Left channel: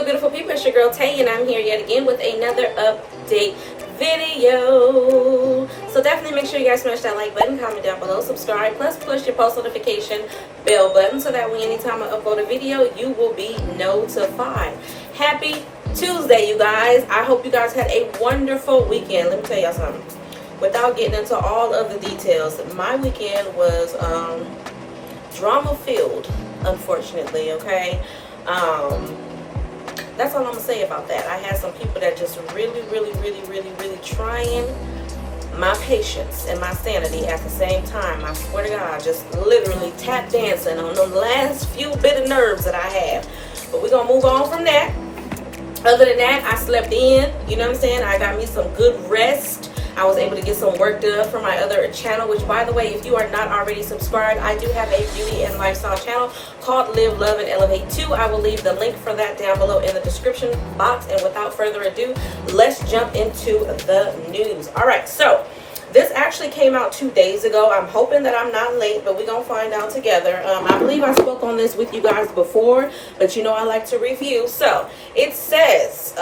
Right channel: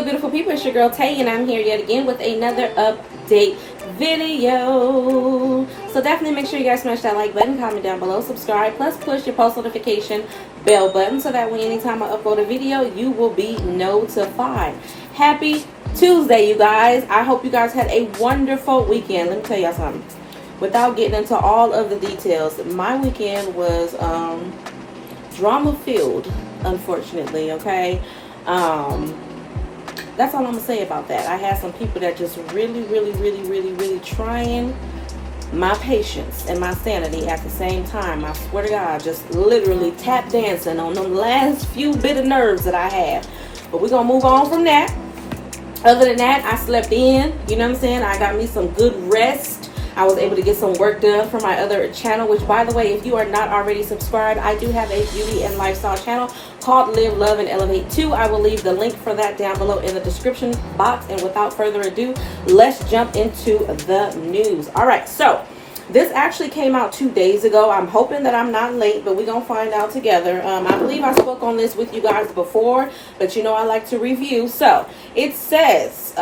good, beautiful people? It's your girl Tay, and I'm here yet again with another update video. So definitely make sure you guys smash that like button, comment down below, subscribe, plus push your post notification bell button so that way anytime I upload a video, you will be notified. Happy Tuesday, you guys. I hope you guys had a wonderful weekend. Let me tell y'all something. Without getting into all of the details, my weekend was drama filled, unfortunately. Okay. That's all I'm gonna say about that. I had some people that just really trying my patience and my sanity at the same time. I swear to God, just literally tap dancing on the last few bit of nerves that I have. But we're gonna move on from that. Other than that, I slept in, you know what I'm saying? I got me some good rest. I was able to get some work done for my other channel, which, by the way, if you are not already subscribed, I do have a beauty and lifestyle channel called Live, Love, and Elevate 2. I will leave the link for that down below in the description box. And without further ado, let's jump into the news. All right, so this actually came out 2 days ago. I'm hoping that I'm not late, but we're going to find out together. I believe I spoke on this with you guys before, but you know I like to review. So it says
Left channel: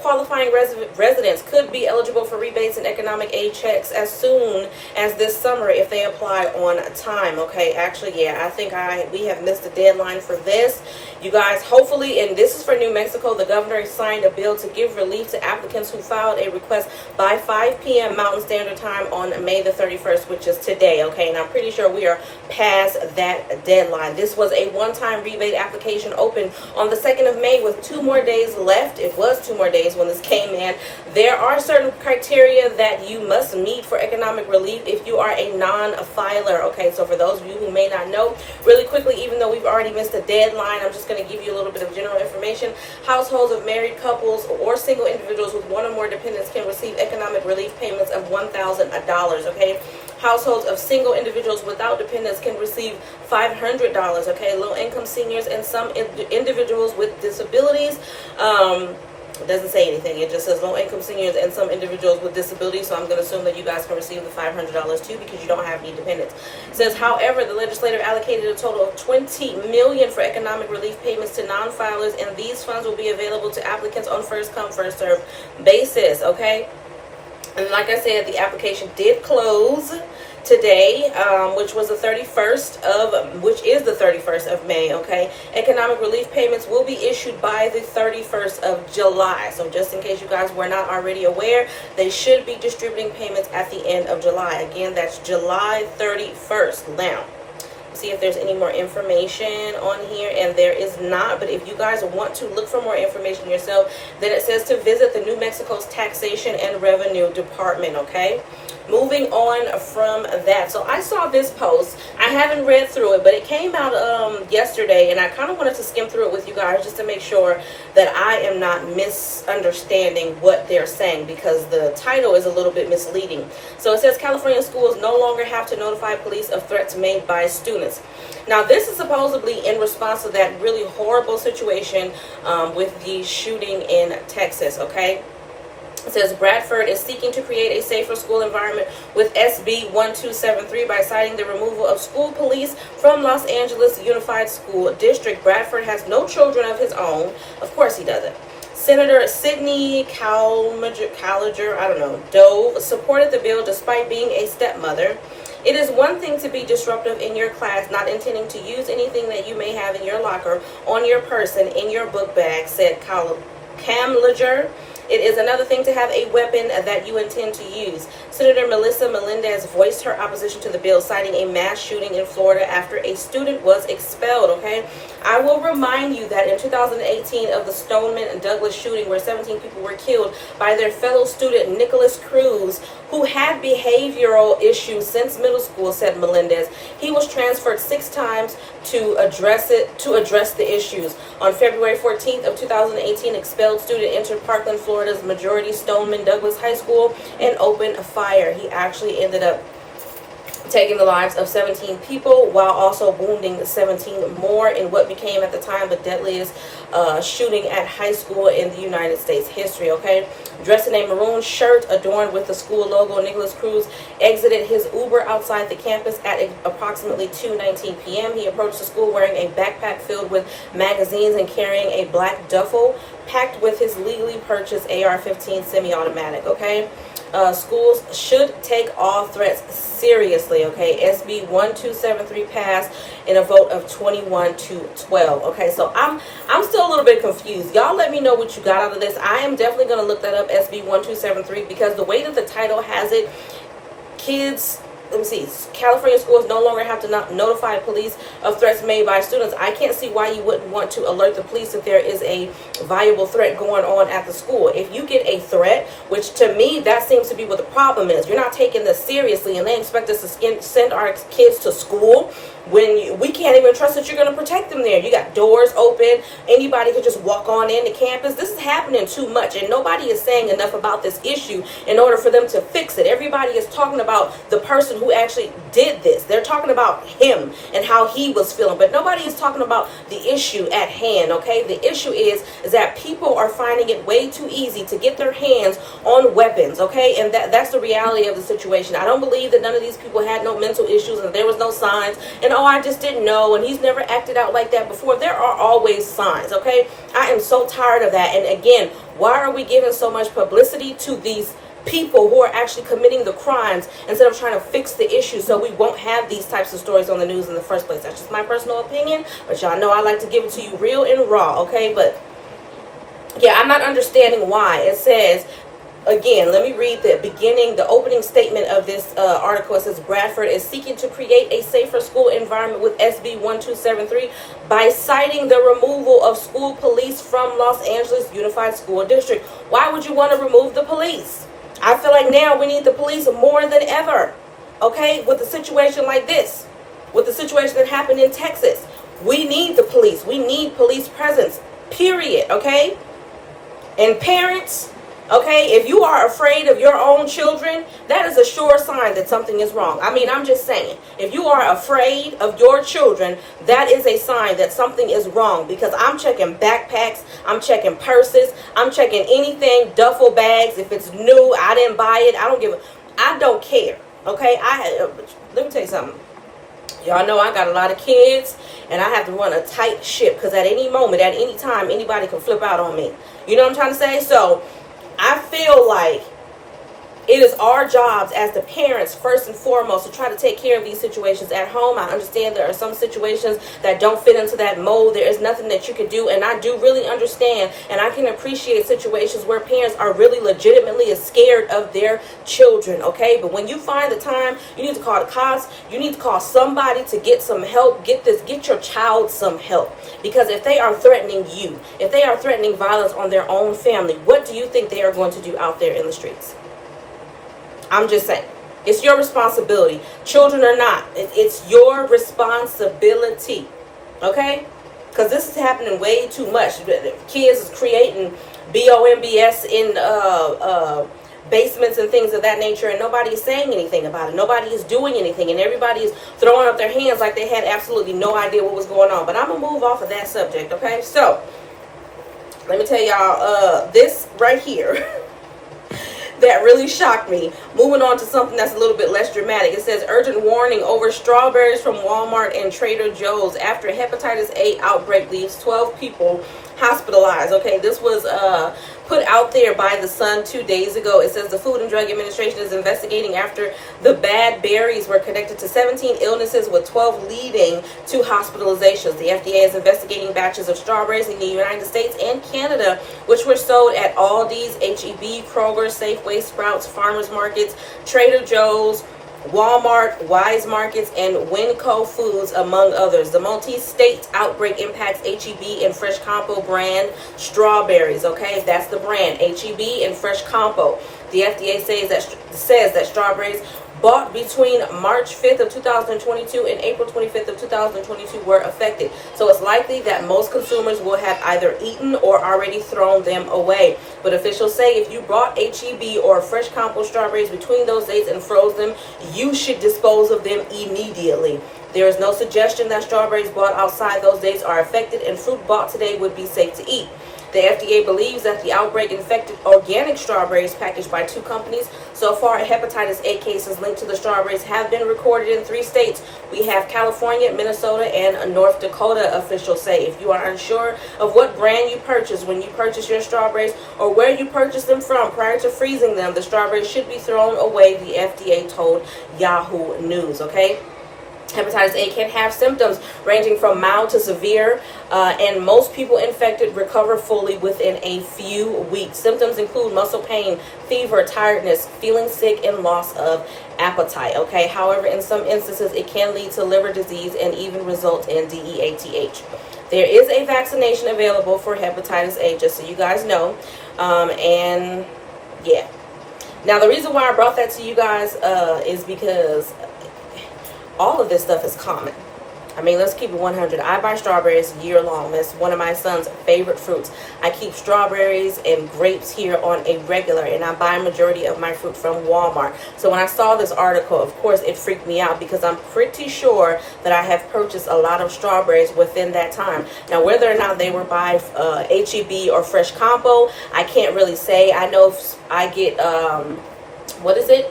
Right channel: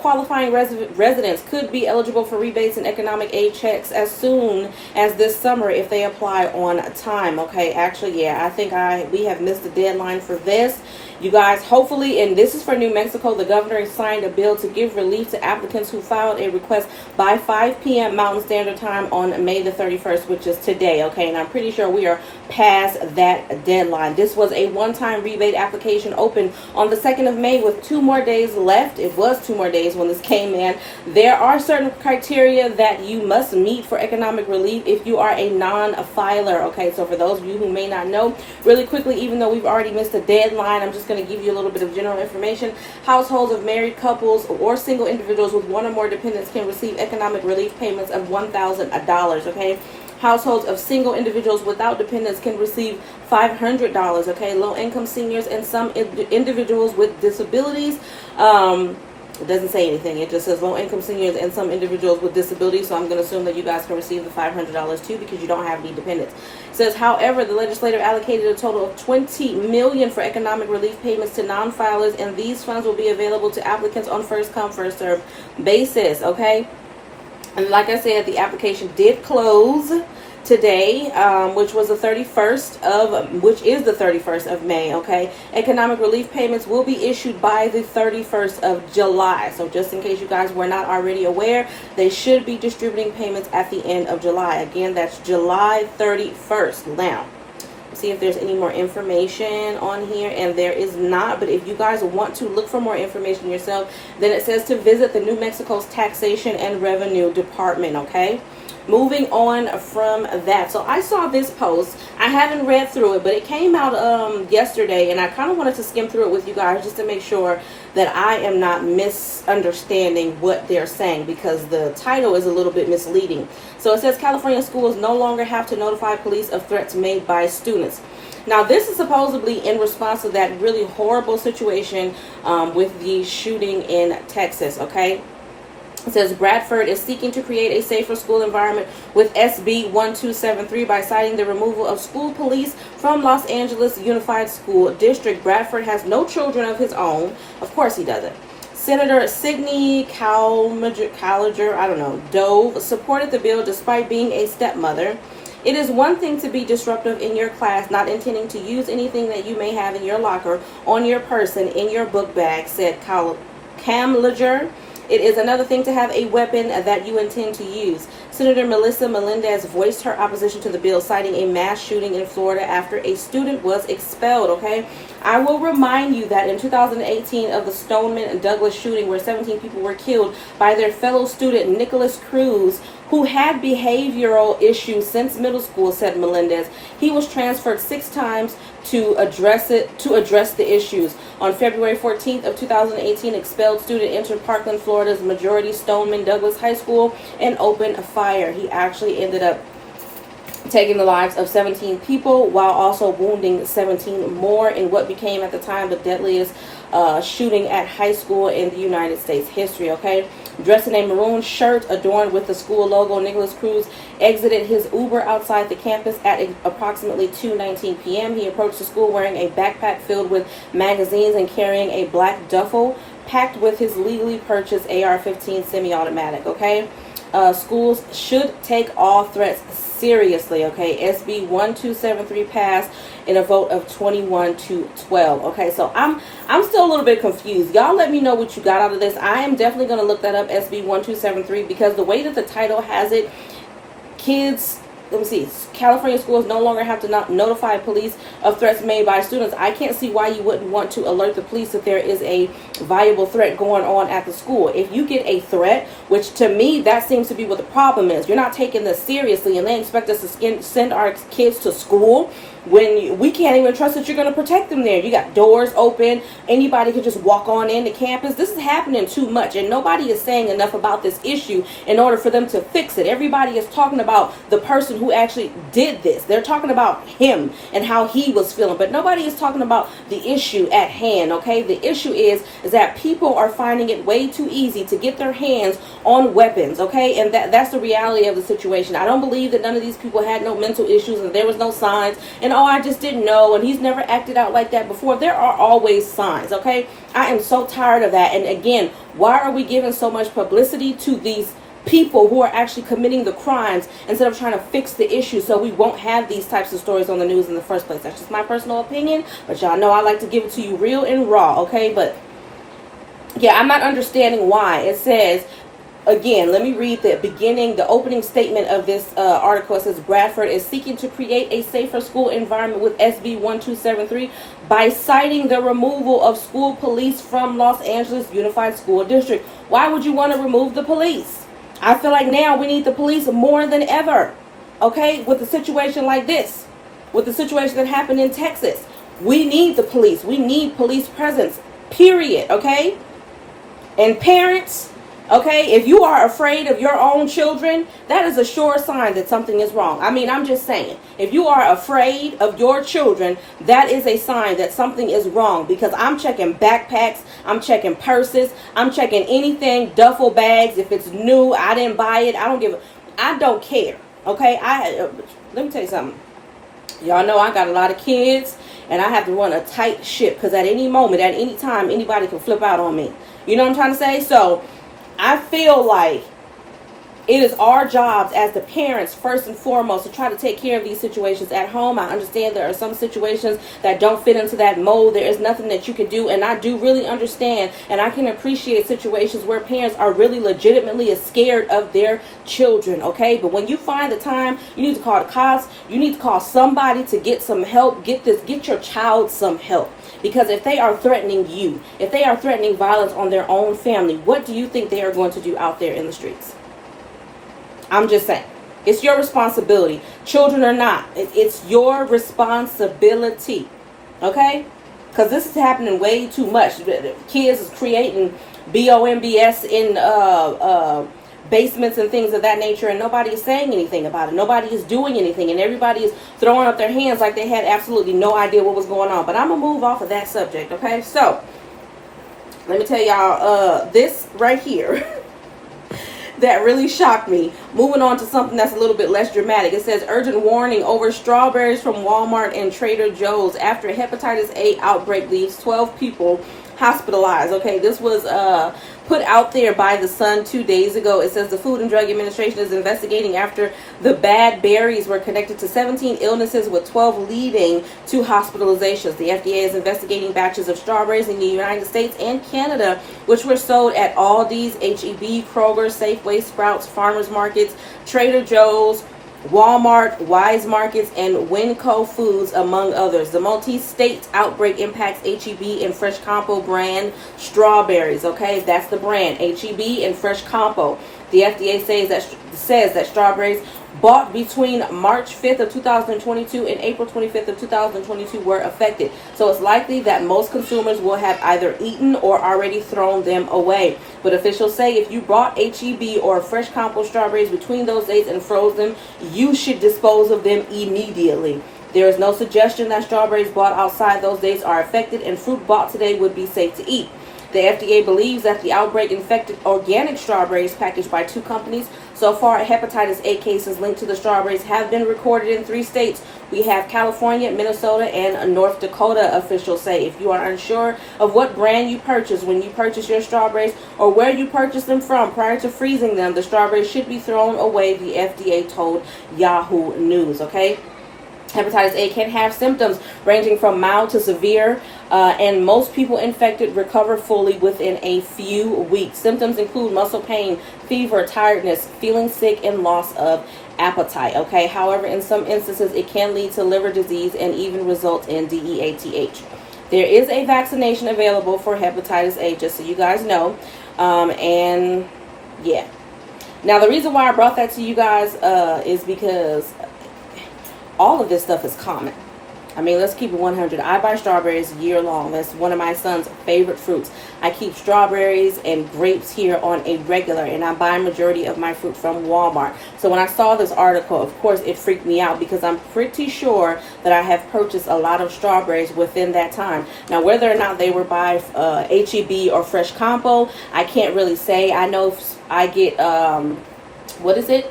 qualifying residents could be eligible for rebates and economic aid checks as soon as this summer if they apply on time. Okay, actually, yeah, I think we have missed the deadline for this. You guys, hopefully, and this is for New Mexico, the governor signed a bill to give relief to applicants who filed a request by 5 p.m. Mountain Standard Time on May the 31st, which is today. Okay, and I'm pretty sure we are past that deadline. This was a one-time rebate application open on the 2nd of May with 2 more days left. It was 2 more days when this came in. There are certain criteria that you must meet for economic relief if you are a non-filer. Okay, so for those of you who may not know, really quickly, even though we've already missed the deadline, I'm just going to give you a little bit of general information. Households of married couples or single individuals with 1 or more dependents can receive economic relief payments of $1,000. Okay, households of single individuals without dependents can receive $500. Okay, low income seniors and some individuals with disabilities. It doesn't say anything. It just says low income seniors and some individuals with disabilities. So I'm going to assume that you guys can receive the $500 too because you don't have any dependents. It says, however, the legislature allocated a total of $20 million for economic relief payments to non-filers, and these funds will be available to applicants on first come, first served basis. Okay. And like I said, the application did close today, which is the 31st of May. Okay, economic relief payments will be issued by the 31st of July. So just in case you guys were not already aware, they should be distributing payments at the end of July. Again, that's July 31st. Now, see if there's any more information on here, and there is not. But if you guys want to look for more information yourself, then it says to visit the New Mexico's Taxation and Revenue Department. Okay, moving on from that, so I saw this post. I haven't read through it, but it came out yesterday, and I kind of wanted to skim through it with you guys just to make sure that I am not misunderstanding what they're saying, because the title is a little bit misleading. So it says California schools no longer have to notify police of threats made by students. Now, this is supposedly in response to that really horrible situation with the shooting in Texas. Okay, it says Bradford is seeking to create a safer school environment with SB 1273 by citing the removal of school police from Los Angeles Unified School District. Bradford has no children of his own. Of course he doesn't. Senator Sidney Calliger, Dove, supported the bill despite being a stepmother. It is one thing to be disruptive in your class, not intending to use anything that you may have in your locker, on your person, in your book bag, said Calliger. It is another thing to have a weapon that you intend to use. Senator Melissa Melendez voiced her opposition to the bill, citing a mass shooting in Florida after a student was expelled. Okay, I will remind you that in 2018 of the Stoneman and Douglas shooting, where 17 people were killed by their fellow student Nicholas Cruz, who had behavioral issues since middle school, said Melendez. He was transferred 6 times to address the issues. On February 14th of 2018, expelled student entered Parkland, Florida's majority Stoneman Douglas High School and opened a fire. He actually ended up taking the lives of 17 people while also wounding 17 more in what became at the time the deadliest shooting at high school in the United States history, okay? Dressed in a maroon shirt adorned with the school logo, Nicholas Cruz exited his Uber outside the campus at approximately 2:19 p.m. He approached the school wearing a backpack filled with magazines and carrying a black duffel packed with his legally purchased AR-15 semi-automatic, okay? Schools should take all threats seriously, okay? SB 1273 passed in a vote of 21-12. Okay, so I'm still a little bit confused. Y'all let me know what you got out of this. I am definitely going to look that up, SB 1273, because the way that the title has it, kids, let me see, California schools no longer have to notify police of threats made by students. I can't see why you wouldn't want to alert the police if there is a viable threat going on at the school. If you get a threat, which to me, that seems to be what the problem is. You're not taking this seriously, and they expect us to send our kids to school when we can't even trust that you're going to protect them there. You got doors open. Anybody could just walk on into campus. This is happening too much, and nobody is saying enough about this issue in order for them to fix it. Everybody is talking about the person who actually did this. They're talking about him and how he was feeling, but nobody is talking about the issue at hand, okay? The issue is that people are finding it way too easy to get their hands on weapons, okay? And that's the reality of the situation. I don't believe that none of these people had no mental issues and there was no signs, and oh, I just didn't know, and he's never acted out like that before. There are always signs, okay? I am so tired of that. And again, why are we giving so much publicity to these people who are actually committing the crimes instead of trying to fix the issue so we won't have these types of stories on the news in the first place? That's just my personal opinion, but y'all know I like to give it to you real and raw, okay? But yeah, I'm not understanding why. It says, again, let me read the opening statement of this article. It says, Bradford is seeking to create a safer school environment with SB 1273 by citing the removal of school police from Los Angeles Unified School District. Why would you want to remove the police? I feel like now we need the police more than ever, okay, with a situation like this, with the situation that happened in Texas. We need the police. We need police presence, period, okay? And parents, okay, if you are afraid of your own children, that is a sure sign that something is wrong. I mean, I'm just saying, if you are afraid of your children, that is a sign that something is wrong, because I'm checking backpacks, I'm checking purses, I'm checking anything, duffel bags. If it's new, I didn't buy it, I don't care, okay? Let me tell you something. Y'all know I got a lot of kids, and I have to run a tight ship, because at any moment, at any time, anybody can flip out on me. You know what I'm trying to say? So I feel like it is our jobs as the parents, first and foremost, to try to take care of these situations at home. I understand there are some situations that don't fit into that mold. There is nothing that you can do, and I do really understand, and I can appreciate situations where parents are really legitimately scared of their children, okay? But when you find the time, you need to call the cops. You need to call somebody to get some help. Get your child some help, because if they are threatening you, if they are threatening violence on their own family, what do you think they are going to do out there in the streets? I'm just saying, it's your responsibility. Children or not, it's your responsibility, okay? Because this is happening way too much. Kids is creating BOMBS in basements and things of that nature, and nobody is saying anything about it. Nobody is doing anything, and everybody is throwing up their hands like they had absolutely no idea what was going on. But I'm going to move off of that subject, okay? So, let me tell y'all, this right here that really shocked me. Moving on to something that's a little bit less dramatic. It says, urgent warning over strawberries from Walmart and Trader Joe's after hepatitis A outbreak leaves 12 people hospitalized. Okay, this was put out there by The Sun 2 days ago. It says the Food and Drug Administration is investigating after the bad berries were connected to 17 illnesses, with 12 leading to hospitalizations. The FDA is investigating batches of strawberries in the United States and Canada, which were sold at Aldi's, H-E-B, Kroger, Safeway, Sprouts, Farmers Markets, Trader Joe's, Walmart, Wise Markets, and Winco Foods, among others. The multi-state outbreak impacts H-E-B and Fresh Compo brand strawberries, okay? That's the brand, H-E-B and Fresh Compo. The FDA says that strawberries bought between March 5th of 2022 and April 25th of 2022 were affected. So it's likely that most consumers will have either eaten or already thrown them away. But officials say if you bought HEB or fresh compost strawberries between those dates and froze them, you should dispose of them immediately. There is no suggestion that strawberries bought outside those dates are affected, and fruit bought today would be safe to eat. The FDA believes that the outbreak infected organic strawberries packaged by 2 companies. So far, hepatitis A cases linked to the strawberries have been recorded in 3 states. We have California, Minnesota, and North Dakota, officials say. If you are unsure of what brand you purchase when you purchase your strawberries or where you purchase them from prior to freezing them, the strawberries should be thrown away, the FDA told Yahoo News, okay? Hepatitis A can have symptoms ranging from mild to severe, and most people infected recover fully within a few weeks. Symptoms include muscle pain, fever, tiredness, feeling sick, and loss of appetite. Okay. However, in some instances, it can lead to liver disease and even result in DEATH. There is a vaccination available for hepatitis A, just so you guys know. And yeah. Now, the reason why I brought that to you guys is because all of this stuff is common. I mean, let's keep it 100. I buy strawberries year long. That's one of my son's favorite fruits. I keep strawberries and grapes here on a regular, and I buy a majority of my fruit from Walmart. So when I saw this article, of course, it freaked me out because I'm pretty sure that I have purchased a lot of strawberries within that time. Now, whether or not they were by HEB or Fresh Compo, I can't really say. I know I get, what is it?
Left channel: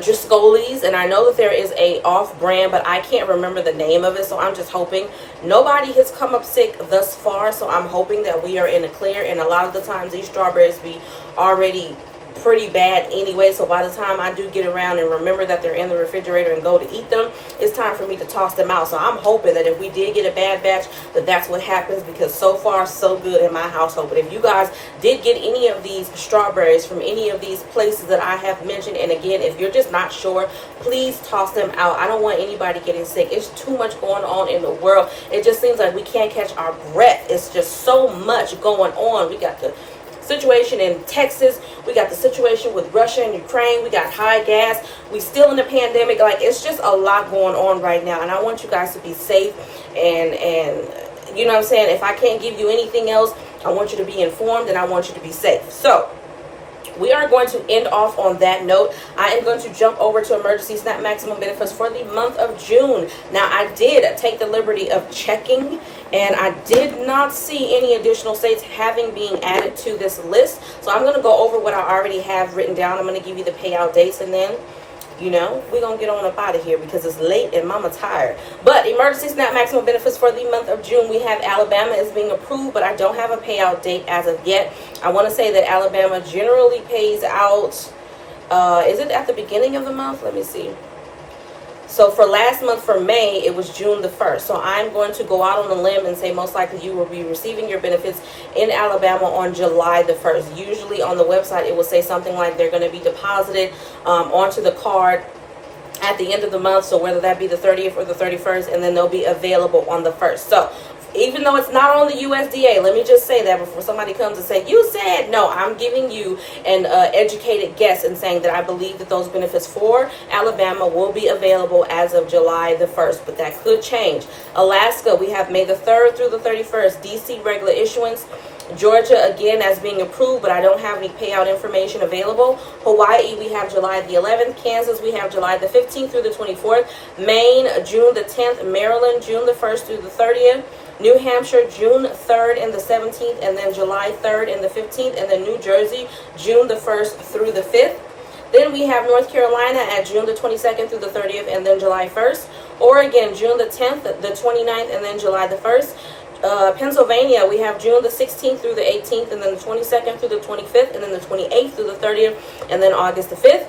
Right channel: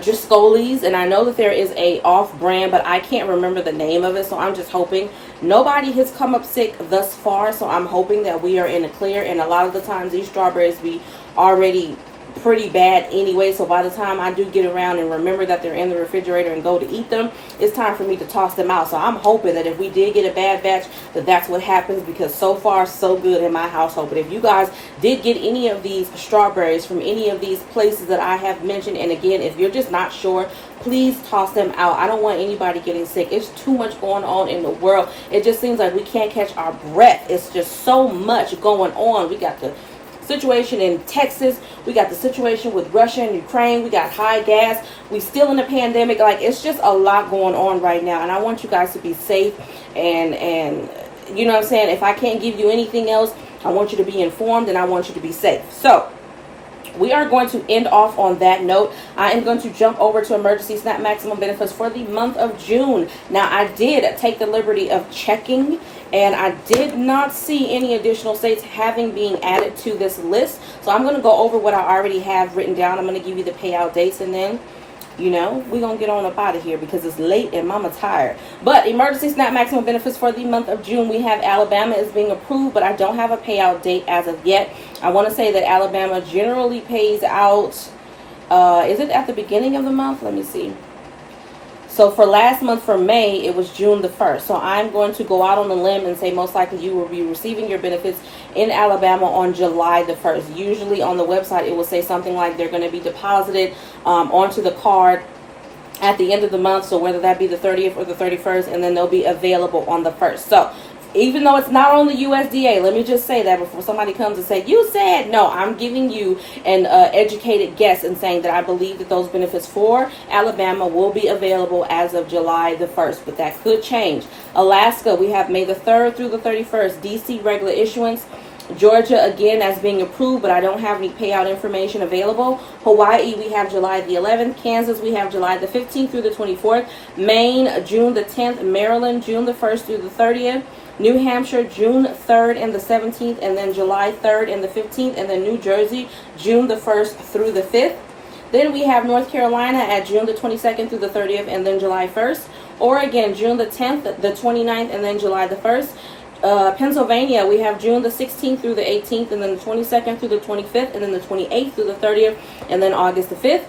Driscoll's, and I know that there is a off-brand, but I can't remember the name of it, so I'm just hoping. Nobody has come up sick thus far, so I'm hoping that we are in the clear, and a lot of the times these strawberries be already pretty bad anyway, so by the time I do get around and remember that they're in the refrigerator and go to eat them, it's time for me to toss them out. So I'm hoping that if we did get a bad batch, that that's what happens, because so far so good in my household. But if you guys did get any of these strawberries from any of these places that I have mentioned, and again, if you're just not sure, please toss them out. I don't want anybody getting sick. It's too much going on in the world. It just seems like we can't catch our breath. It's just so much going on. We got the situation in Texas, we got the situation with Russia and Ukraine, we got high gas, we still in the pandemic. Like, it's just a lot going on right now, and I want you guys to be safe, and you know what I'm saying, if I can't give you anything else, I want you to be informed and I want you to be safe. So we are going to end off on that note. I am going to jump over to emergency SNAP maximum benefits for the month of June. Now, I did take the liberty of checking, and I did not see any additional states having been added to this list. So I'm going to go over what I already have written down. I'm going to give you the payout dates, and then, you know, we're going to get on up out of here because it's late and mama tired. But emergency SNAP maximum benefits for the month of June, we have Alabama is being approved, but I don't have a payout date as of yet. I want to say that Alabama generally pays out, is it at the beginning of the month? Let me see. So for last month, for May, it was June the 1st. So I'm going to go out on a limb and say most likely you will be receiving your benefits in Alabama on July the 1st. Usually on the website, it will say something like they're going to be deposited onto the card at the end of the month. So whether that be the 30th or the 31st, and then they'll be available on the 1st. So even though it's not on the USDA, let me just say that before somebody comes and say, you said, no, I'm giving you an educated guess and saying that I believe that those benefits for Alabama will be available as of July the 1st, but that could change. Alaska, we have May the 3rd through the 31st, DC regular issuance. Georgia, again, as being approved, but I don't have any payout information available. Hawaii, we have July the 11th. Kansas, we have July the 15th through the 24th. Maine, June the 10th. Maryland, June the 1st through the 30th. New Hampshire, June 3rd and the 17th, and then July 3rd and the 15th, and then New Jersey, June the 1st through the 5th. Then we have North Carolina at June the 22nd through the 30th, and then July 1st. Oregon, June the 10th, the 29th, and then July the 1st. Pennsylvania, we have June the 16th through the 18th, and then the 22nd through the 25th, and then the 28th through the 30th, and then August the 5th.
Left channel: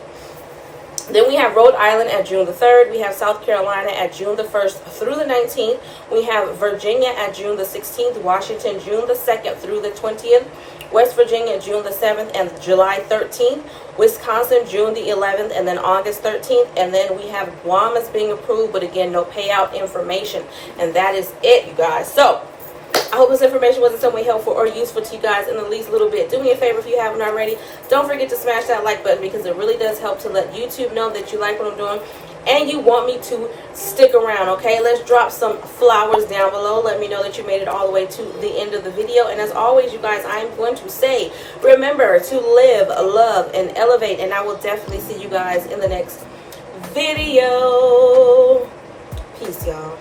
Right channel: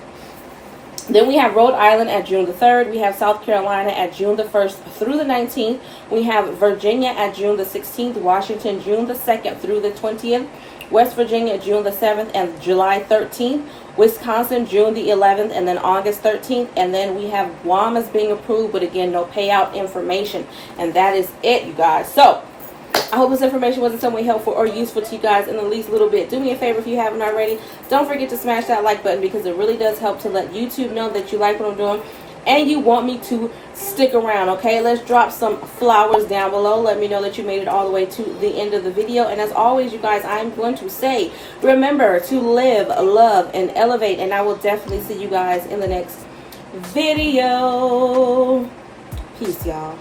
Then we have Rhode Island at June the 3rd. We have South Carolina at June the 1st through the 19th. We have Virginia at June the 16th. Washington, June the 2nd through the 20th. West Virginia, June the 7th and July 13th. Wisconsin, June the 11th and then August 13th. And then we have Guam is being approved, but again, no payout information. And that is it, you guys. So I hope this information was in some way helpful or useful to you guys in the least little bit. Do me a favor if you haven't already. Don't forget to smash that like button, because it really does help to let YouTube know that you like what I'm doing and you want me to stick around, okay? Let's drop some flowers down below. Let me know that you made it all the way to the end of the video. And as always, you guys, I am going to say, remember to live, love, and elevate. And I will definitely see you guys in the next video. Peace, y'all.